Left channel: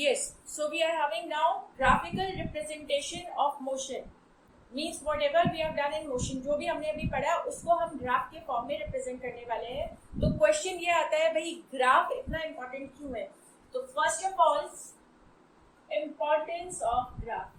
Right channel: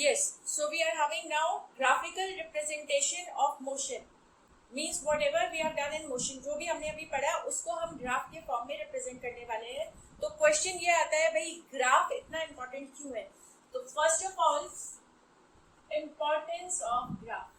Yes, so we are having now graphical representation of motion. Means whatever we have done in motion, जो भी हमने अभी पढ़ा उसको हम ग्राफ के फॉर्म में रिप्रेजेंट करने वाले हैं. तो क्वेश्चन ये आता है भाई ग्राफ इतना इम्पोर्टेंट क्यों है? तो first of all importance of graph.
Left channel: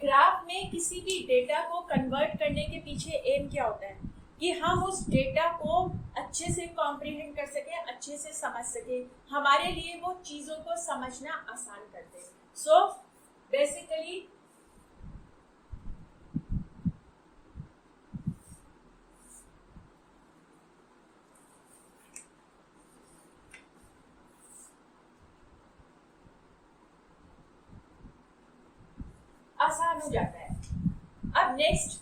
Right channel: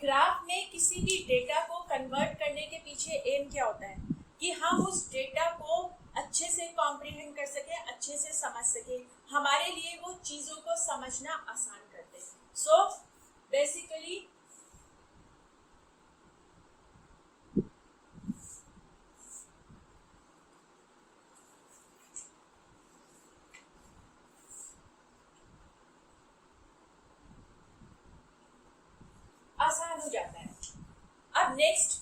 Graph में किसी भी डेटा को कन्वर्ट करने के पीछे एम क्या होता है कि हम उस डेटा को अच्छे से कॉम्प्रिहेंड कर सकें, अच्छे से समझ सकें, हमारे लिए वो चीज़ों को समझना आसान कर दे. सो बेसिकली आसान हो जाता है. अब नेक्स्ट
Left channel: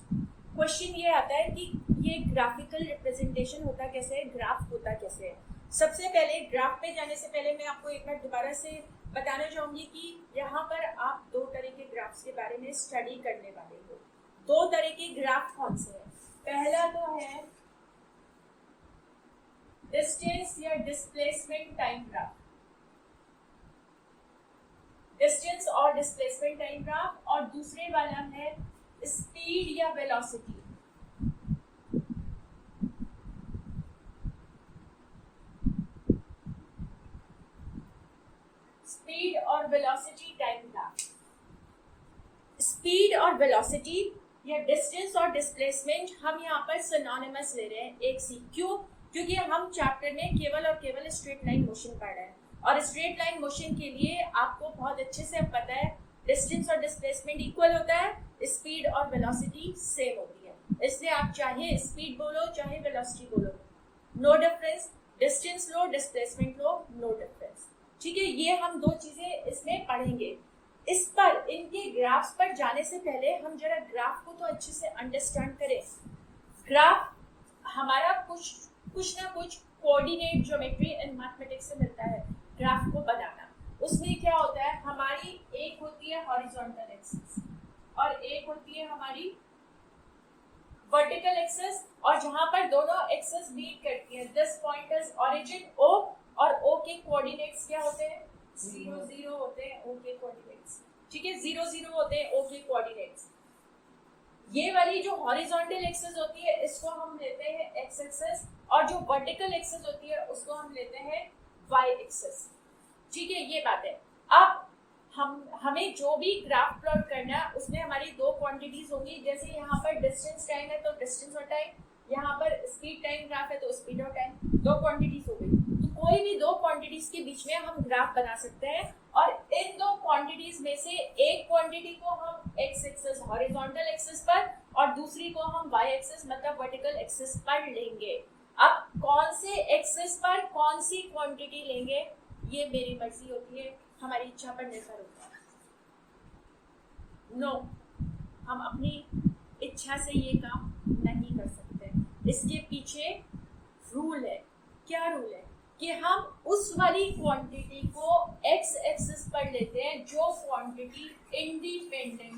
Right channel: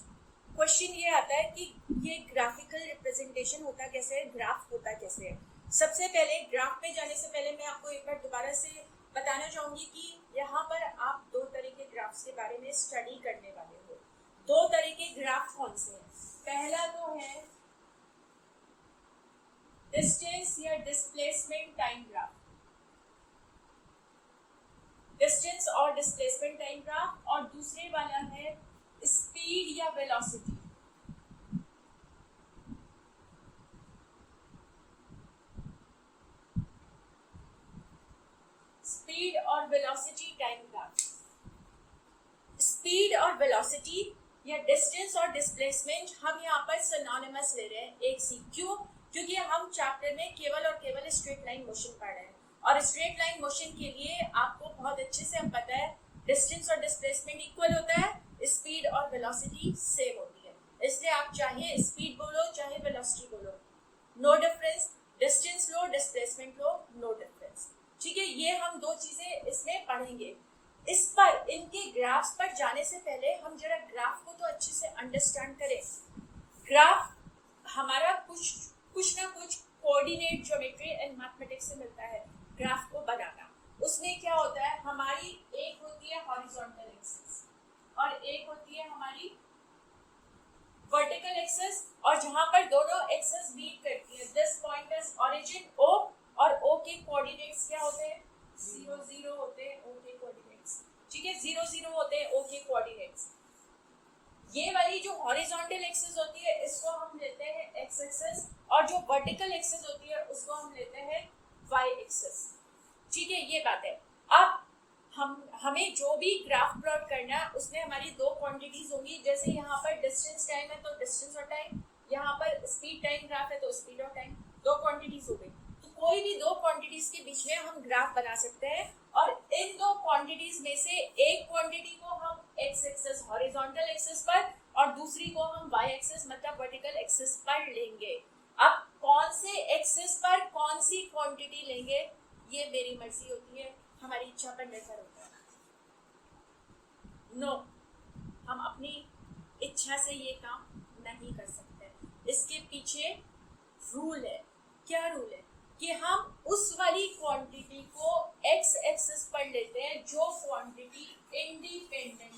क्वेश्चन ये आता है कि ये ग्राफिकल रिप्रेजेंटेशन होता कैसे है, ग्राफ होता कैसे है. सबसे पहले ग्राफ पे जाने से पहले मैं आपको एक बार दोबारा से बताना चाहूंगी कि यहाँ पर आप दो तरह के ग्राफ्स के बारे में स्टडी करने वाले हो. दो तरह के ग्राफ कौन से हैं? पहला तो है डिस्टेंस या डिस्प्लेसमेंट टाइम ग्राफ. डिस्टेंस और डिस्प्लेसमेंट टाइम ग्राफ. और दूसरे वाला है स्पीड या वेलोसिटी. स्पीड और वेलोसिटी टाइम ग्राफ. स्पीड और वेलोसिटी या डिस्टेंस और डिस्प्लेसमेंट हम यहाँ पर सिनोनिमस ले रहे हैं एक सी. क्यों? क्योंकि हम चैप्टर में केवल और केवल स्ट्रेट लाइन मोशन पढ़ रहे हैं और स्ट्रेट लाइन मोशन के लिए आपको बहुत अच्छे से अब पता है डिस्टेंस और डिस्प्लेसमेंट इक्वल होता है, स्पीड और वेलोसिटी सेम होती है. इसलिए आप चाहे स्पीड बोलो चाहे वेलोसिटी बोलो, नो डिफरेंस. डिस्टेंस लो डिस्प्लेसमेंट लो, नो डिफरेंस. ठीक है, ये हम दो चीजें इसमें पढ़ेंगे. इस पर इनके ग्राफ्स पर जाने से पहले हम जरा ग्राफ को तो अच्छे से अंडरस्टैंड करें. ग्राफ हमारा कुछ ना कुछ कोऑर्डिनेट ज्योमेट्री एंड मैथमेटिक्स से मिलता है. ग्राफ को बनाना उसमें क्या होता है, हमारी एक होती है हॉरिजॉन्टल एक्सिस और एक होती है हमारी वर्टिकल एक्सिस. और जहां पर दोनों एक्सिस मीट करती है, this point is origin O और ओ के कोऑर्डिनेट्स क्या होते हैं? 0 0 होते हैं ओ के कोऑर्डिनेट्स. ठीक है, 0 0 होते हैं ओ के कोऑर्डिनेट्स. ये वाली जो हॉरिजॉन्टल एक्सिस होती है इसको हम लेते हैं एक्स एक्सिस और जो वर्टिकल एक्सिस होती है उसको हम लेते हैं वाई एक्सिस. ठीक है, ये बात है. अब हमें जो भी ग्राफ प्लॉट करना है उसमें हमारी दो क्वांटिटीज होंगी. जैसे यहाँ पर डिस्टेंस टाइम है तो डिस्टेंस और टाइम, यहाँ पर स्पीड टाइम ग्राफ है तो स्पीड और टाइम, दो क्वांटिटीज हो गई. तो कोई भी दो क्वांटिटीज के बीच में हम ग्राफ बना सकते हैं और इन दो क्वांटिटीज में से एक क्वांटिटी को हम एक्स एक्सिस हॉरिजॉन्टल एक्सिस पर और दूसरी को हम वाई एक्सिस मतलब वर्टिकल एक्सिस पर लेंगे. अब कौन से एक्सिस पर कौन सी क्वांटिटी लेंगे ये मेरी मर्जी होती है, हमारी इच्छा पर निर्भर होता है. नो, हम अपनी इच्छा से ये काम नहीं कर सकते. इसके पीछे रूल है. क्या रूल है? कि हम उस वाली क्वांटिटी को एक्स एक्सिस पर लेते हैं जो क्वांटिटी इंडिपेंडेंट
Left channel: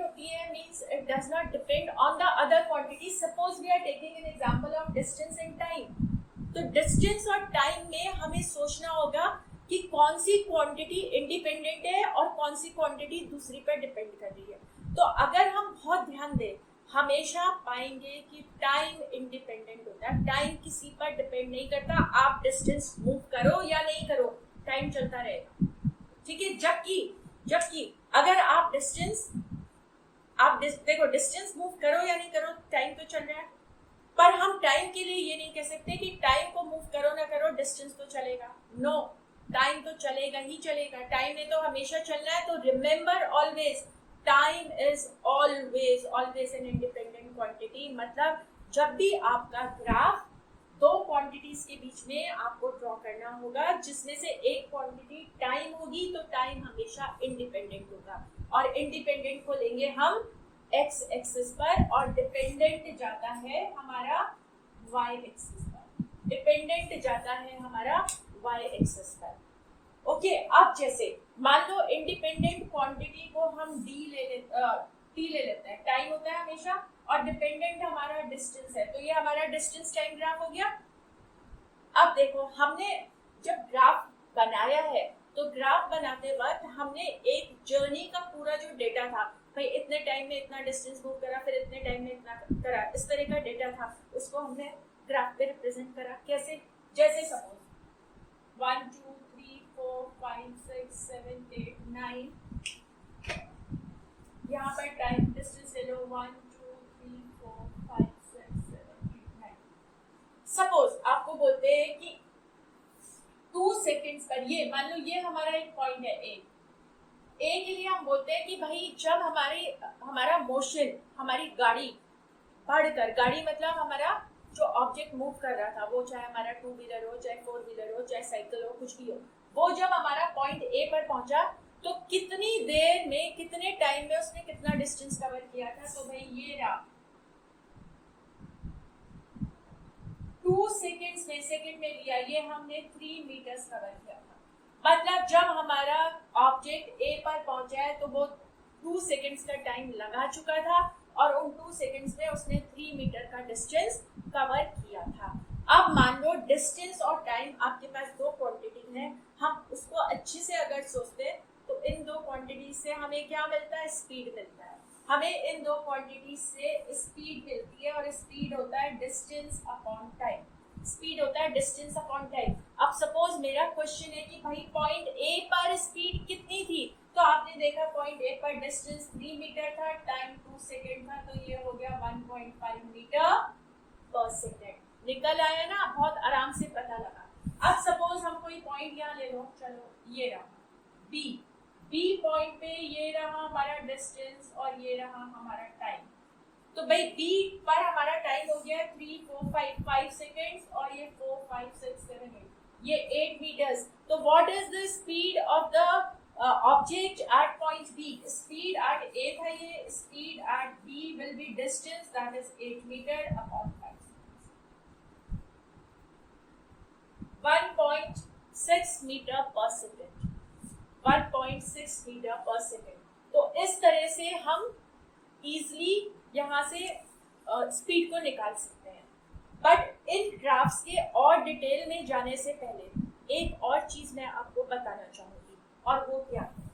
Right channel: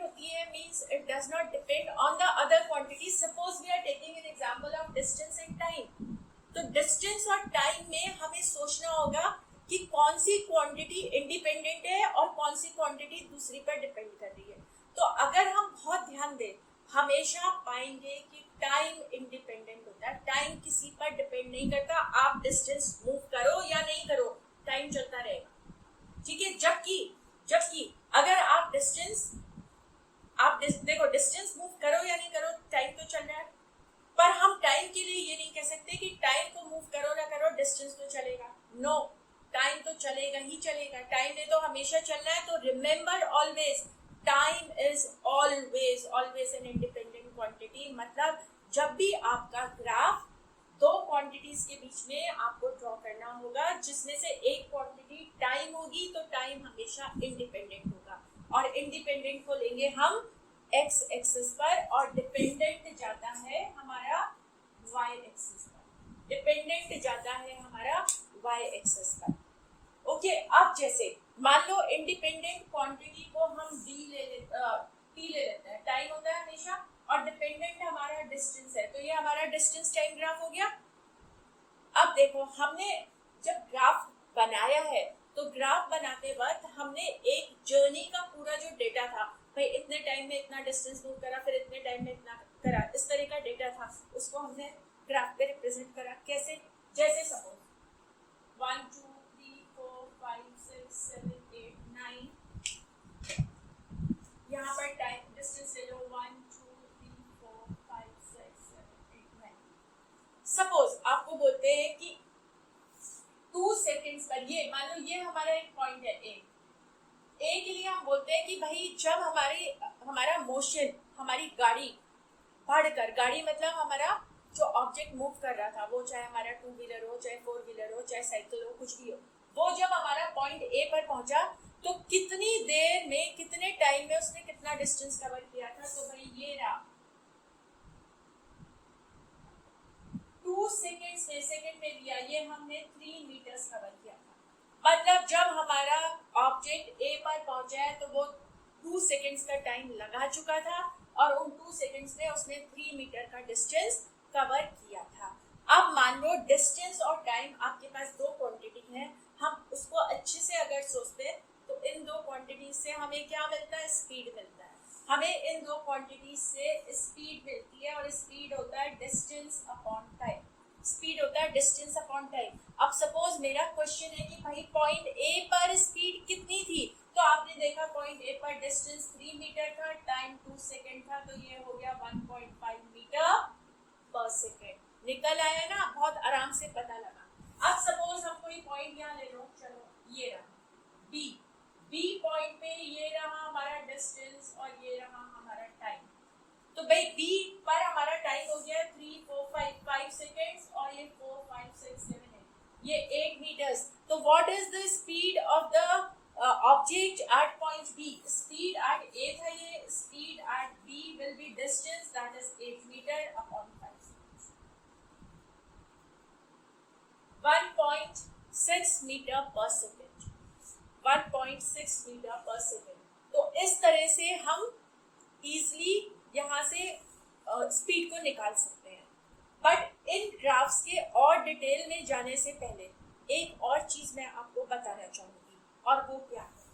होती है. Means it does not depend on the other quantity. Suppose we are taking an example of distance and time. तो डिस्टेंस और टाइम में हमें सोचना होगा कि कौन सी क्वांटिटी इंडिपेंडेंट है और कौन सी क्वांटिटी दूसरी पर डिपेंड कर रही है. तो अगर हम बहुत ध्यान दें हमेशा पाएंगे कि टाइम इंडिपेंडेंट होता है. टाइम किसी पर डिपेंड नहीं करता. आप डिस्टेंस मूव करो या नहीं करो टाइम चलता रहेगा. ठीक है, जबकि अगर आप देखो डिस्टेंस मूव करो या नहीं करो टाइम तो चल रहा है. पर हम टाइम के लिए ये नहीं कह सकते कि टाइम को मूव करो ना करो डिस्टेंस तो चलेगा. नो, टाइम तो चलेगा ही चलेगा. टाइम ने तो हमेशा चलना है. तो remember always time is always an independent quantity. मतलब जब भी आपका ग्राफ दो क्वांटिटीज के बीच में आपको ड्रॉ करना होगा जिसमें से एक क्वांटिटी टाइम होगी तो टाइम हमेशा इंडिपेंडेंट होगा और इंडिपेंडेंट को लेंगे हम एक्स एक्सिस पर और डिपेंडेंट जाता है हमारा वाई एक्सिस पर. ओके अब जैसे मान लो इंडिपेंडेंट क्वांटिटी को हम टी ले लेते हैं, टाइम होता है हमेशा, और डिपेंडेंट हमारा डिस्टेंस है, तो ये हमारा डिस्टेंस टाइम ग्राफ हो गया। अब देखो हमने जब ग्राफ बनाया है तो ग्राफ बनाते वक्त हमने एक जर्नी का पूरा जो डेटा था, भाई इतने टाइम में इतना डिस्टेंस मूव करा, फिर इतने टाइम में इतना करा, इस तरह का डेटा था, उसको हमने ग्राफ पे रिप्रेजेंट करा। कैसे? जैसे सपोज 1 2 3 4 5 6 7 8 9, यहाँ पर टाइम डिस्टेंस ले लो 1 2 3 4 5 6 7 8 9। सपोज आपको बोलते हैं कि 2 सेकेंड्स पर, ये मान लो ये हमारा एक पॉइंट है ए के लिए हम बोलते हैं कि भाई जब हमारा मोशन, हमारी गाड़ी बढ़कर, गाड़ी मतलब हमारा जो ऑब्जेक्ट मूव कर रहा था, वो चाहे हमारा 2 व्हीलर हो, चाहे 4 व्हीलर हो, चाहे साइकिल हो, कुछ भी हो, वो जब हमारा पॉइंट ए पर पहुंचा तो कितनी देर में, कितने टाइम में उसने कितना डिस्टेंस कवर किया था। तो भाई ये रहा 2 सेकेंड्स में, सेकेंड में लिया, ये हमने 3 मीटर्स कवर किया था। मतलब जब हमारा ऑब्जेक्ट ए पर पहुंचा है तो वो 2 सेकेंड्स का टाइम लगा चुका था और उन 2 सेकेंड्स में उसने 3 मीटर का डिस्टेंस कवर किया था। अब मान लो डिस्टेंस और टाइम आपके पास दो क्वांटिटी है, हम उसको अच्छे से अगर सोचते हैं तो इन दो क्वांटिटी से हमें क्या मिलता है? स्पीड मिलता है। हमें इन दो क्वांटिटी से स्पीड मिलती है और स्पीड होता है डिस्टेंस अपॉन टाइम। स्पीड होता है डिस्टेंस अपॉन टाइम। अब सपोज मेरा क्वेश्चन है कि भाई पॉइंट ए पर स्पीड कितनी थी, तो आपने देखा पॉइंट ए पर डिस्टेंस 3 मीटर था, टाइम 2 सेकेंड था, तो ये हो गया 1.5 मीटर पर सेकेंड। निकल आया ना, बहुत आराम से पता लगा। अब सपोज हम कोई पॉइंट यहाँ ले लो, चलो ये रहा बी पॉइंट पे, ये रहा हमारा डिस्टेंस और ये रहा हमारा टाइम। तो भाई बी पर हमारा टाइम हो गया 3 4 5 सेकेंड्स और ये 4 5 6 7 8, ये 8 मीटर्स। तो what is the speed of the object at point B? Speed at A था, ये speed at B will be distance that is 8 metre upon 5 seconds, 1.6 metre per second, 1.6 metre per second. तो इस तरह से हम easily यहाँ से speed को निकाल सकते हैं। बट इन ग्राफ्स के और डिटेल में जाने से पहले एक और चीज मैं आपको बताना चाहूंगी, और वो क्या है?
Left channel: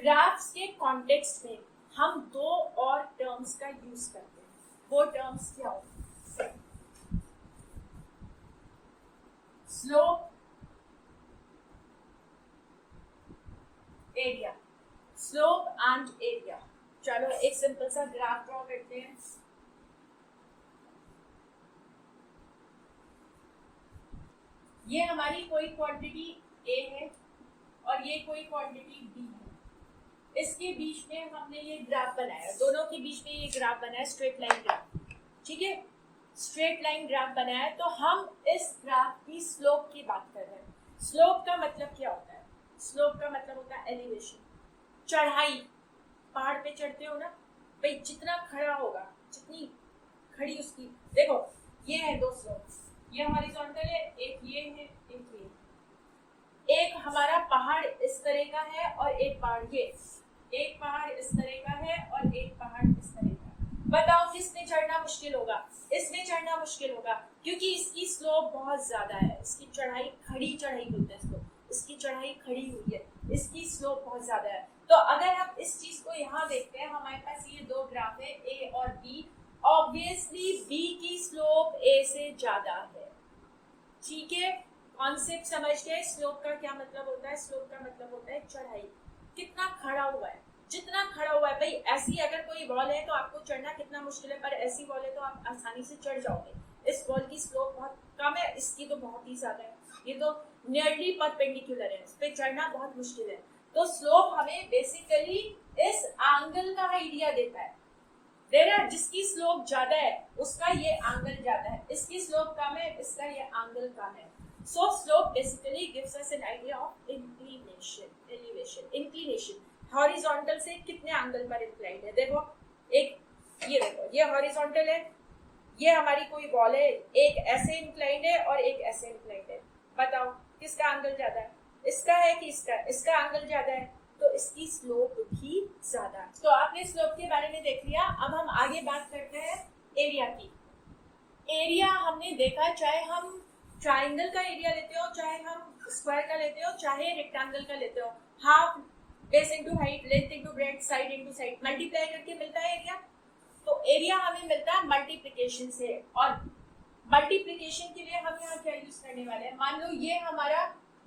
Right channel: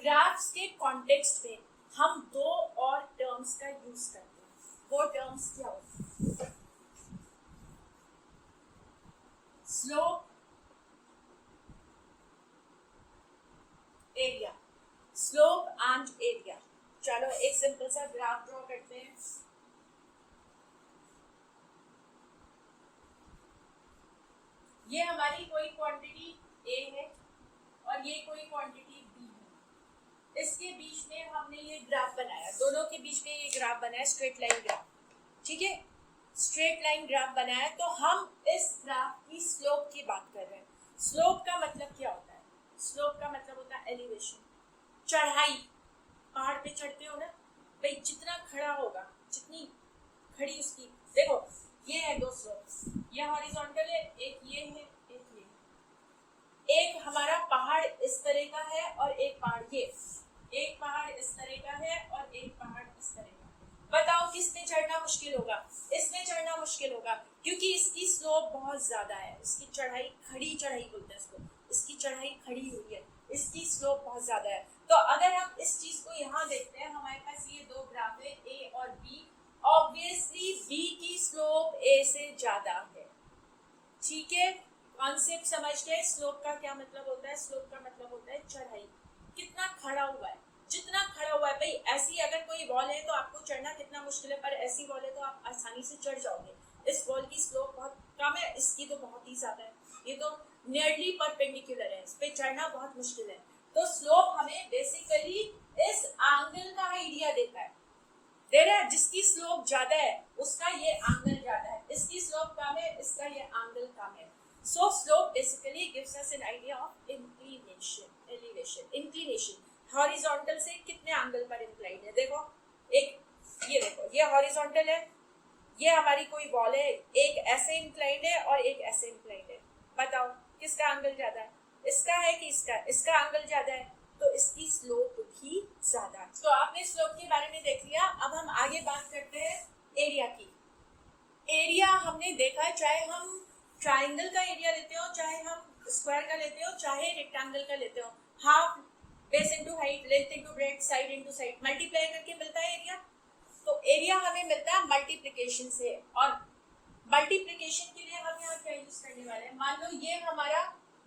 ग्राफ्स के कॉन्टेक्स्ट में हम दो और टर्म्स का यूज करते हैं। वो टर्म्स क्या होते हैं? Slope, area. Slope and area. चलो एक सिंपल सा ग्राफ ड्रॉ करते हैं। ये हमारी कोई क्वांटिटी ए है और ये कोई क्वांटिटी बी है। इसके बीच में हमने ये ग्राफ बनाया, दोनों के बीच में ये ग्राफ बनाया, स्ट्रेट लाइन ग्राफ। ठीक है, स्ट्रेट लाइन ग्राफ बनाया। तो हम इस ग्राफ की स्लोप की बात कर रहे हैं। स्लोप का मतलब क्या होता है? स्लोप का मतलब होता है एलिवेशन, चढ़ाई। पहाड़ पे चढ़ते हो ना भाई, जितना खड़ा होगा, जितनी खड़ी उसकी, देखो ये है दो स्लोप, ये हॉरिजॉन्टल है, एक ये है, एक ये। एक हमारा पहाड़ इस तरह का है और एक पहाड़ ये, एक पहाड़ इस तरह का है और एक पहाड़ इस तरह का है। बताओ किसमें चढ़ना मुश्किल होगा? इसमें चढ़ना मुश्किल होगा, क्योंकि इसकी स्लोप बहुत ज्यादा है। इसकी चढ़ाई, खड़ी चढ़ाई बोलते हैं इसको, इसकी चढ़ाई खड़ी हुई है, इसकी स्लोप बहुत ज्यादा है। तो अगर हम इस चीज को यहाँ देखते हैं, हमारे पास ये दो ग्राफ है ए और बी। ऑब्वियसली बी की स्लोप ए से ज्यादा है। ठीक है, कॉन्सेप्ट समझ गए? स्लोप का क्या मतलब होता है? स्लोप का मतलब होता है चढ़ाई, कितना खड़ा हुआ है, जितना खड़ा हुआ है। भाई ऐसी अगर कोई वॉल है तो आपको चढ़ना कितना मुश्किल है, पर ऐसी वॉल है तो आप आसानी से चढ़ जाओगे। इस वॉल की स्लोप बहुत कम है, इसकी तो बहुत ही ज्यादा है, ये तो नियरली परपेंडिकुलर है, इस पे चढ़ना बहुत मुश्किल है। तो स्लोप हमें बेसिकली इस एंगल का आइडिया देता है। जिसकी स्लोप ज्यादा है उसका ये एंगल ज्यादा है, इसकी स्लोप कम है, इसका ये एंगल कम है। सो slope basically gives us an idea of inclination, elevation. Inclination horizontal से कितने एंगल पर इंक्लाइंड है। देखो एक ये देखो, ये हॉरिजॉन्टल है, ये हमारी कोई वॉल है, एक ऐसे इंक्लाइंड है और एक ऐसे इंक्लाइंड है, बताओ किसका एंगल ज्यादा है? इसका है कि इसका? इसका एंगल ज्यादा है, तो इसकी स्लोप भी ज्यादा है। तो आपने स्लोप के बारे में देख लिया। अब हम आगे बात करते हैं एरिया की। एरिया हमने देखा, चाहे हम ट्राइंगल का एरिया लेते हो, चाहे हम स्क्वायर का लेते हो, चाहे रेक्टेंगल का लेते हो, half base into height, length into breadth, side into side, multiply करके मिलता है एरिया। तो एरिया हमें मिलता है मल्टीप्लिकेशन से, और मल्टीप्लिकेशन के लिए हम यहाँ क्या यूज करने वाले हैं? मान लो ये हमारा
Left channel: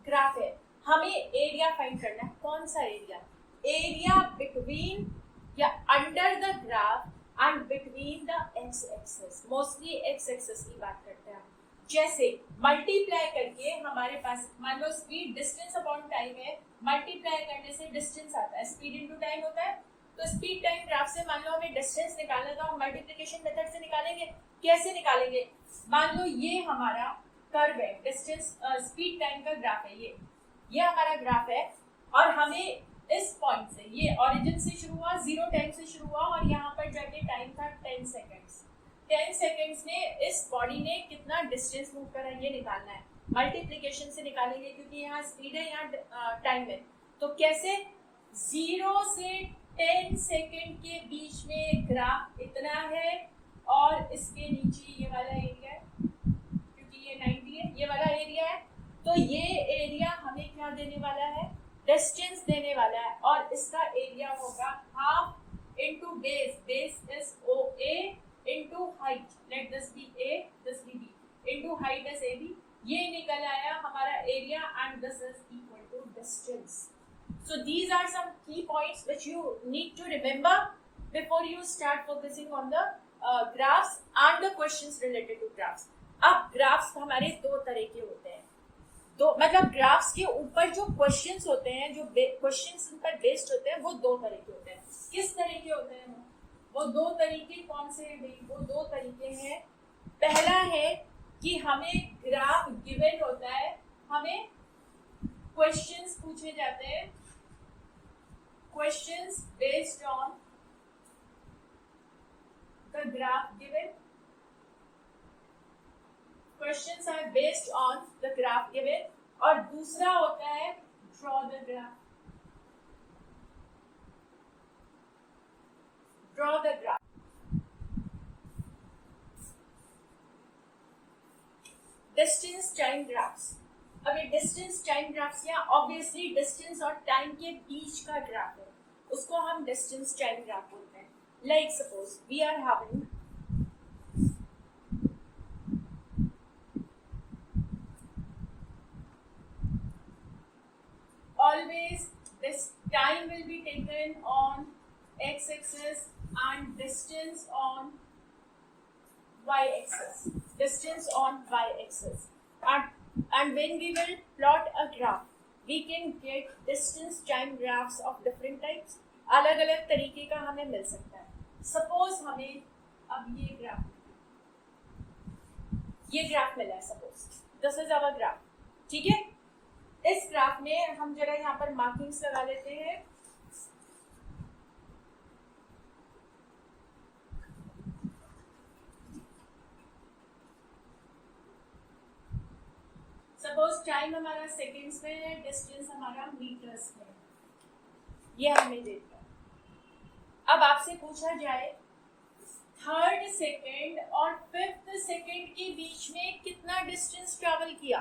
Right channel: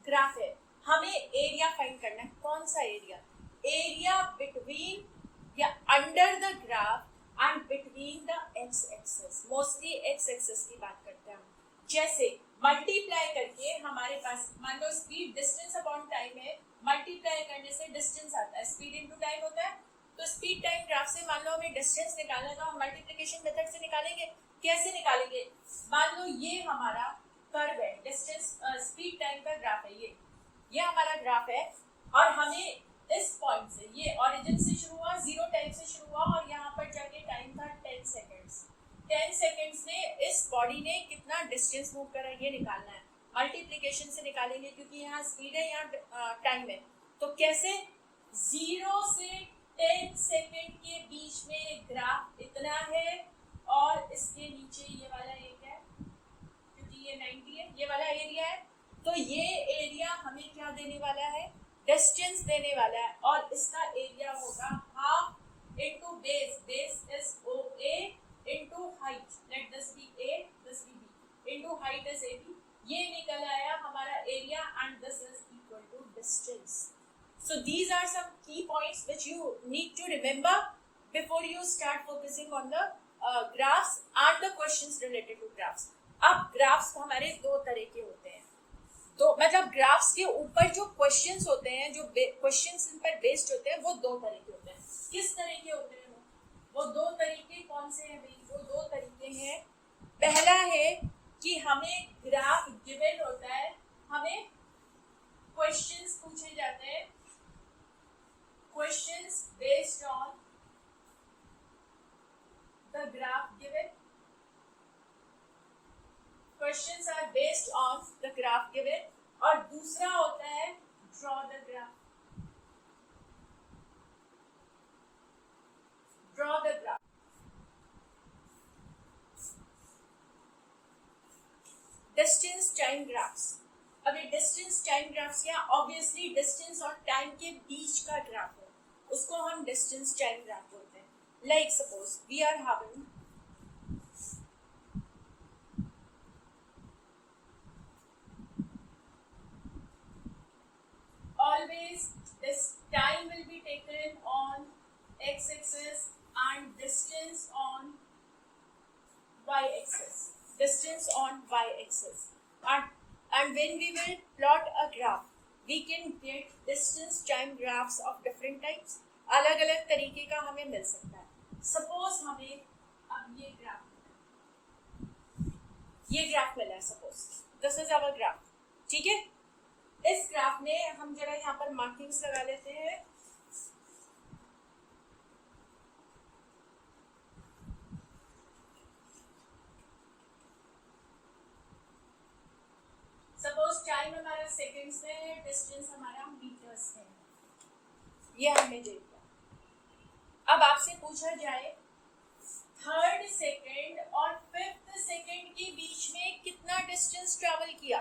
ग्राफ है, हमें एरिया फाइंड करना है। कौन सा एरिया? एरिया बिटवीन या under the graph and between the x axis. Mostly x axis की बात करते हैं हम। जैसे मल्टीप्लाई करके हमारे पास, मान लो स्पीड डिस्टेंस अपॉन टाइम है, मल्टीप्लाई करने से डिस्टेंस आता है, स्पीड इनटू टाइम होता है। तो स्पीड टाइम ग्राफ से मान लो हमें डिस्टेंस निकालना था, हम मल्टीप्लिकेशन मेथड से निकालेंगे। कैसे निकालेंगे? मान लो ये हमारा कर्व है, डिस्टेंस स्पीड टाइम का ग्राफ है, ये हमारा ग्राफ है, और हमें इस पॉइंट से, ये ओरिजिन से शुरू हुआ, 0 टाइम से शुरू हुआ, और यहाँ पर जाके टाइम था 10 सेकेंड्स। 10 सेकेंड्स में इस बॉडी ने कितना डिस्टेंस मूव करा, ये निकालना है। मल्टीप्लिकेशन से निकालेंगे, क्योंकि यहाँ स्पीड है, यहाँ टाइम है। तो कैसे? 0 से 10 सेकेंड के बीच में ग्राफ इतना है, और इसके नीचे ये वाला एरिया है, क्योंकि ये 90 है, ये वाला एरिया है। तो ये एरिया हमें क्या देने वाला है? डिस्टेंस देने वाला है, और इसका एरिया होगा half into base, base is O A, into height, let this be A, this be B, into height is A B. ये निकल आया हमारा area, and this is equal to distance. So these are some key points which you need to remember before you start focusing on the graphs and the questions related to graphs. अब graphs हमारे दो तरह के होते हैं, तो मतलब graphs के ऊपर जो क्वेश्चंस होते हैं, जो क्वेश्चंस इन पर बेस्ड होते हैं, वो दो तरह के होते हैं। किस तरह के होते हैं वो दो तरीके कौन से हैं भाई? वो दो तरीके हैं। पहला है कि हमें ग्राफ गिवन होता है, हमें क्वेश्चंस पूछे जाते हैं, questions based on the graph given. Questions are based on the graph given. और दूसरा होता है draw the graph. Draw the graph. Distance time graphs. अब ये डिस्टेंस टाइम ग्राफ्स क्या? ऑब्वियसली डिस्टेंस और टाइम के बीच का ग्राफ है, उसको हम डिस्टेंस टाइम ग्राफ बोलते हैं। Like suppose we are having always this time will be taken on x axis and distance on y axis, distance on y axis, and when we will plot a graph we can get distance time graphs of different types. अलग अलग तरीके का हमें मिल सकता है। Suppose हमें अब ये ग्राफ मिला है, suppose this is our graph, ठीक है। इस ग्राफ में हम जरा यहाँ पर मार्किंग्स लगा लेते हैं। सपोज टाइम हमारा सेकेंड्स में है, डिस्टेंस हमारा मीटर्स में है, ये हमने देखा। अब आपसे पूछा जाए थर्ड सेकेंड और फिफ्थ सेकेंड के बीच में कितना डिस्टेंस ट्रैवल किया,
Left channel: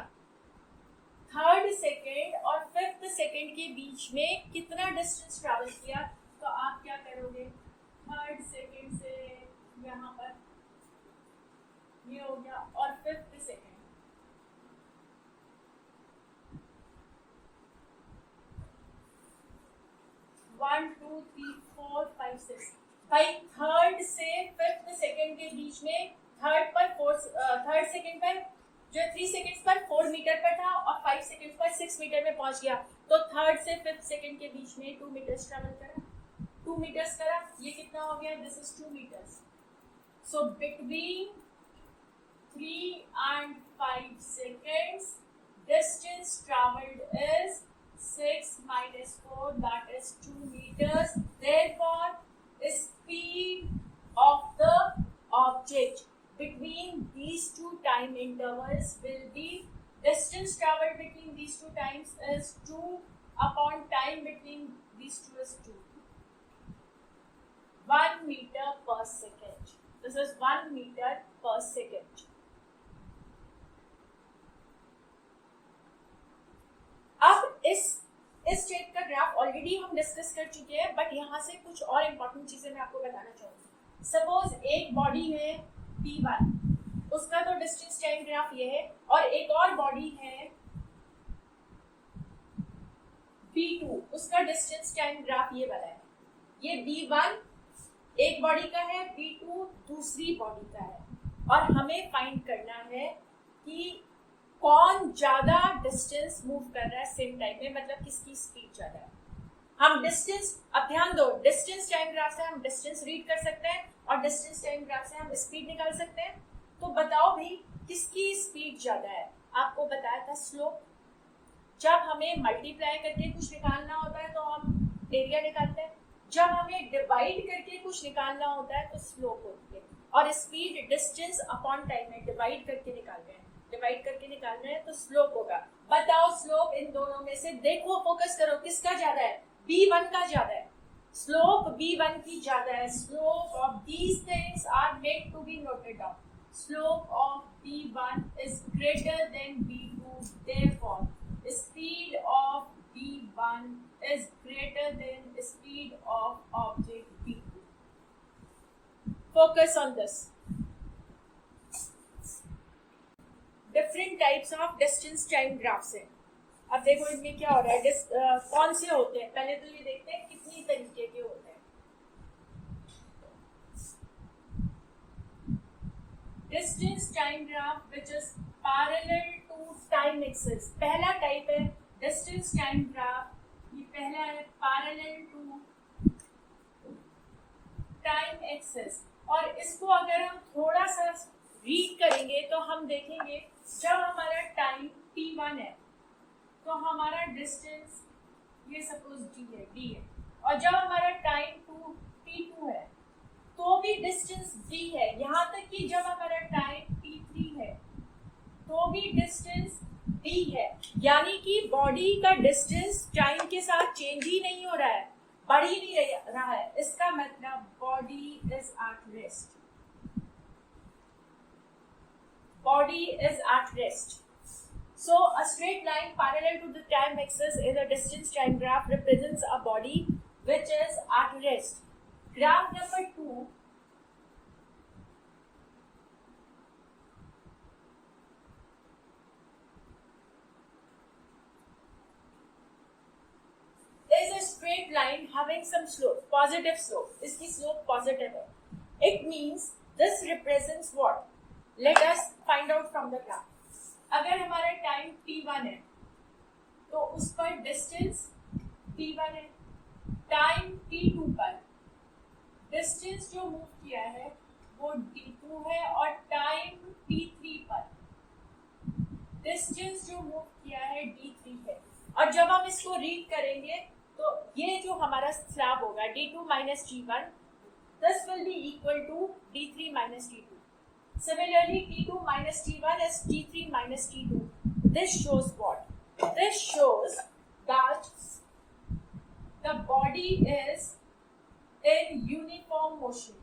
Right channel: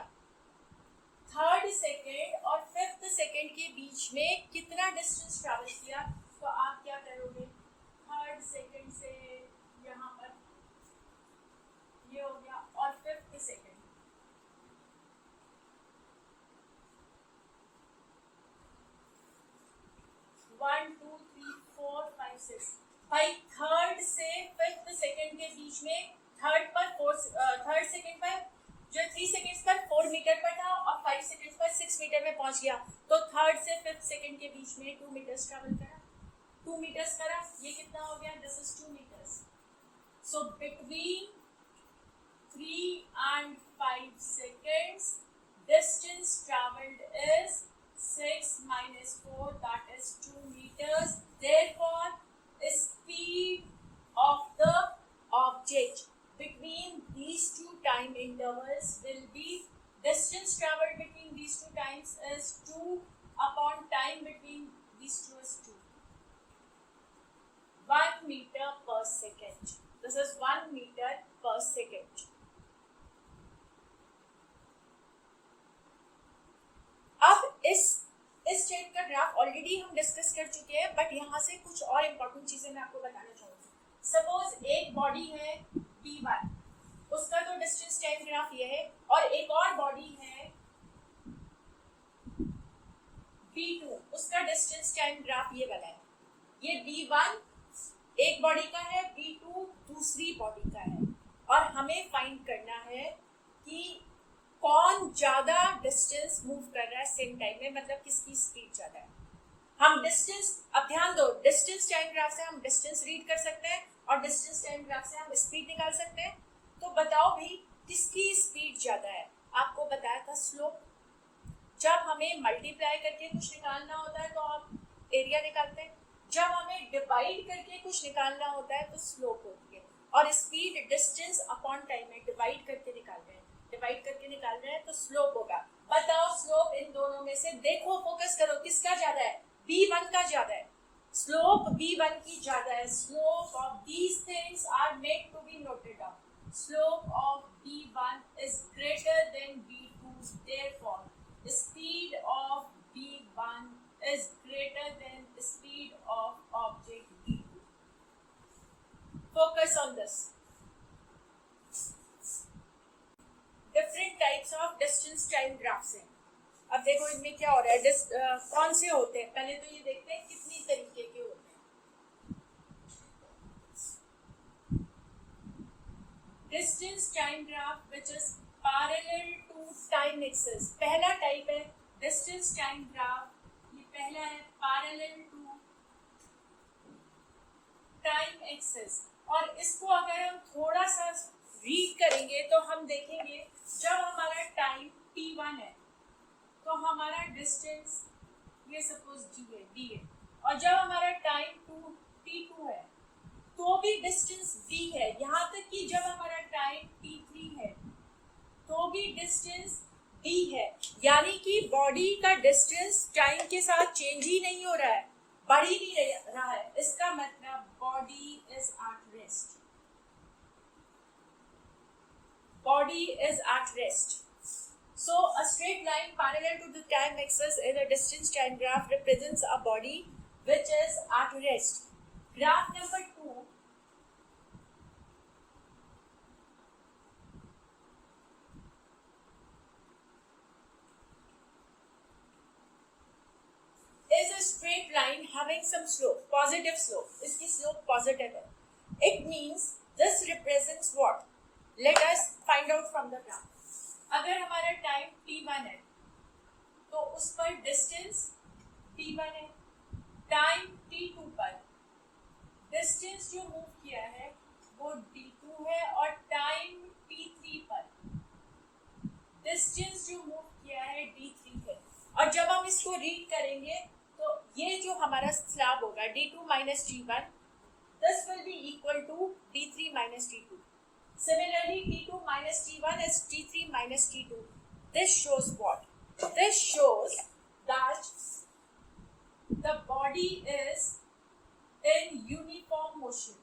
थर्ड सेकेंड और फिफ्थ सेकेंड के बीच में कितना डिस्टेंस ट्रैवल किया, तो आप क्या करोगे? थर्ड सेकेंड से यहाँ पर ये हो गया, और फिफ्थ सेकेंड 1 2 3 4 5 6, भाई थर्ड से फिफ्थ सेकेंड के बीच में, थर्ड सेकेंड पर जो 3 सेकेंड्स पर 4 मीटर पर था और 5 सेकेंड्स पर 6 मीटर में पहुंच गया, तो थर्ड से फिफ्थ सेकेंड के बीच में 2 मीटर्स ट्रैवल करा, 2 मीटर्स करा, ये कितना हो गया? This is 2 metres. So between 3 and 5 seconds distance traveled is 6 minus 4, that is 2 meters. Therefore speed of the object between intervals will be distance traveled between these two times is 2 upon time between these two is 2. 1 meter per second. This is 1 meter per second. अब इस type का graph already हम discuss कर चुके हैं, but यहाँ से कुछ और इम्पोर्टेंट चीजें मैं आपको बताना चाहूंगी. सपोज एक बॉडी है P1, उसका तो डिस्टेंस टाइम ग्राफ ये है, और एक और बॉडी है B2, उसका डिस्टेंस टाइम ग्राफ ये वाला है. ये B1 एक बॉडी का है, B2 दूसरी बॉडी का है, और हमें फाइंड करना है कि कौन ज्यादा डिस्टेंस मूव कर रहा है सेम टाइम में, मतलब किसकी स्पीड ज्यादा है. हम डिस्टेंस, अब ध्यान दो, डिस्टेंस टाइम ग्राफ से हम डिस्टेंस रीड कर सकते हैं और डिस्टेंस टाइम ग्राफ से हम स्पीड निकाल सकते हैं. तो बताओ भाई किसकी स्पीड ज्यादा है. आपको बताया था स्लोप. जब हमें मल्टीप्लाई करके कुछ निकालना होता है तो हम एरिया निकालते हैं, जब हमें डिवाइड करके कुछ निकालना होता है तो स्लोप होती है. और स्पीड डिस्टेंस अपॉन टाइम है, डिवाइड करके निकाल रहे हैं, डिवाइड करके निकाल रहे हैं तो स्लोप होगा. बताओ स्लोप इन दोनों में से, देखो फोकस करो, किसका ज्यादा है. B1 का ज्यादा है. स्लोप B1 की ज्यादा है. Slope of these things are made to be noted down. Slope of B1 is greater than B2, therefore speed of B1 is greater than speed of object B2. Focus on this. Different types of distance time graphs हैं. अब देखो इनमें क्या हो रहा है, कौन से होते हैं. पहले तो ये देखते हैं कितनी तरीके के होते हैं. Distance time graph which is parallel to time axis. पहला टाइप है डिस्टेंस टाइम ग्राफ, ये पहला है पैरेलल टू टाइम एक्सिस. और इसको अगर हम थोड़ा सा रीड करेंगे तो हम देखेंगे जब हमारा टाइम T1 है तो हमारा डिस्टेंस ये सपोज D है, और जब हमारा टाइम T2 है तो भी डिस्टेंस D है. यहाँ तक कि जब हमारा टाइम T3 है तो भी डिस्टेंस D है. यानी कि बॉडी का डिस्टेंस टाइम के साथ चेंज ही नहीं हो रहा है, बढ़ ही नहीं रहा है. इसका मतलब body is at rest. Body is at rest. So a straight line parallel to the time axis in a distance time graph represents a body which is at rest. Graph number 2 is a straight line having some slope, positive slope. इसकी slope positive है. It means this represents what? Let us find out from the graph. अगर हमारा time T1 है तो उस पर distance T1 है. Time T2 पर डिस्टेंस जो मूव किया है वो D2 है, और टाइम T3 पर डिस्टेंस जो मूव किया है D3 है. और जब हम इसको रीड करेंगे तो ये जो हमारा स्लैब होगा D2 minus D1, this will be equal to D3 minus D2. Similarly, T2 minus T1 is T3 minus T2. This shows what? This shows that the body is in uniform motion.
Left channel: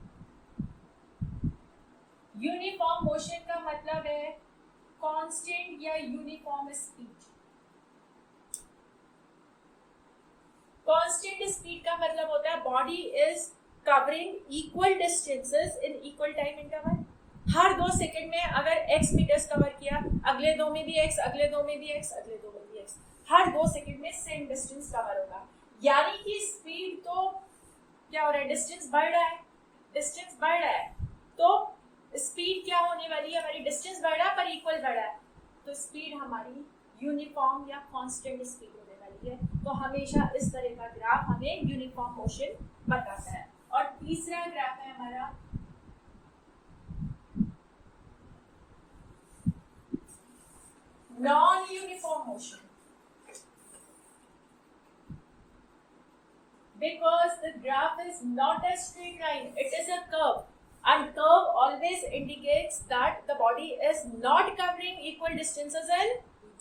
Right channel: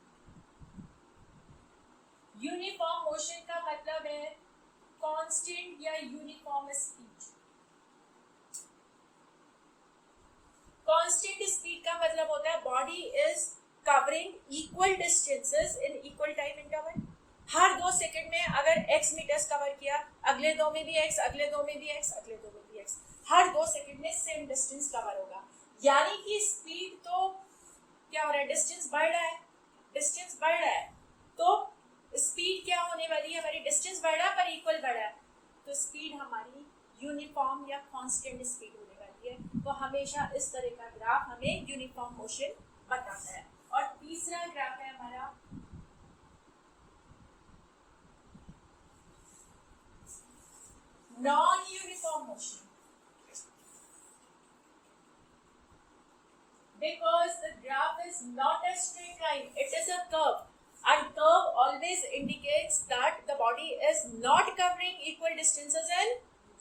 Uniform motion का मतलब है constant या uniform speed. Constant speed का मतलब होता है body is covering equal distances in equal time interval. Her 2 second में अगर x मीटर्स कवर किया, अगले 2 में भी x, अगले 2 में भी x, अगले 2 में भी x, हर 2 सेकंड में सेम डिस्टेंस कवर होगा. यानी कि स्पीड तो क्या हो रहा है, डिस्टेंस बढ़ रहा है, डिस्टेंस बढ़ रहा है. तो स्पीड क्या होने वाली है, हमारी डिस्टेंस बढ़ रहा है पर इक्वल बढ़ रहा है, तो स्पीड हमारी यूनिफॉर्म या कांस्टेंट स्पीड होने वाली है. तो हमेशा इस तरह का ग्राफ हमें यूनिफॉर्म मोशन बताता है. और तीसरा ग्राफ है हमारा non-uniform motion. Because the graph is not a straight line, it is a curve, and curve always indicates that the body body is not covering equal distances in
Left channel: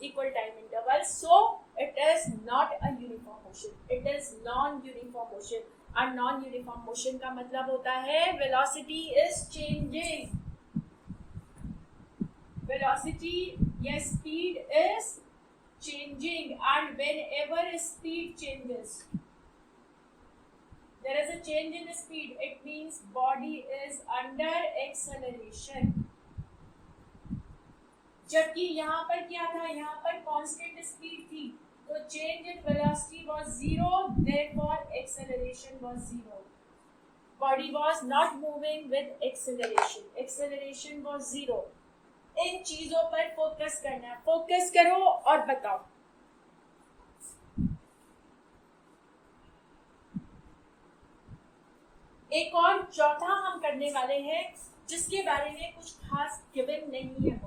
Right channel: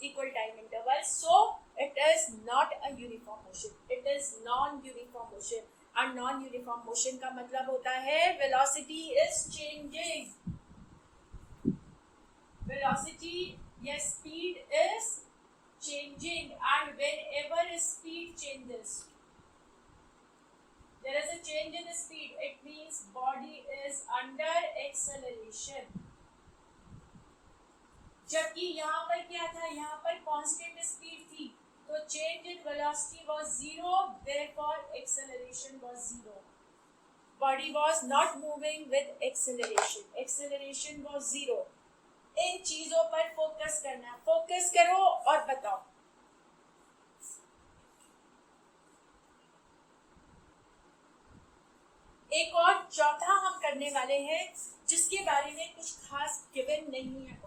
equal time intervals, so it is not a uniform motion. It is non-uniform motion. और non-uniform motion का मतलब होता है velocity is changing. Velocity या speed is changing, and whenever speed changes, there is a change in speed, it means body is under acceleration. जबकि यहाँ पर क्या था, यहाँ पर कांस्टेंट स्पीड थी, तो change in velocity was zero, therefore acceleration was zero. Body was not moving with acceleration. Acceleration was zero. इन चीजों पर फोकस करना, फोकस करो और बताओ. एक और चौथा हम करने वाले हैं जिसके बारे में कुछ खास गिवन नहीं है.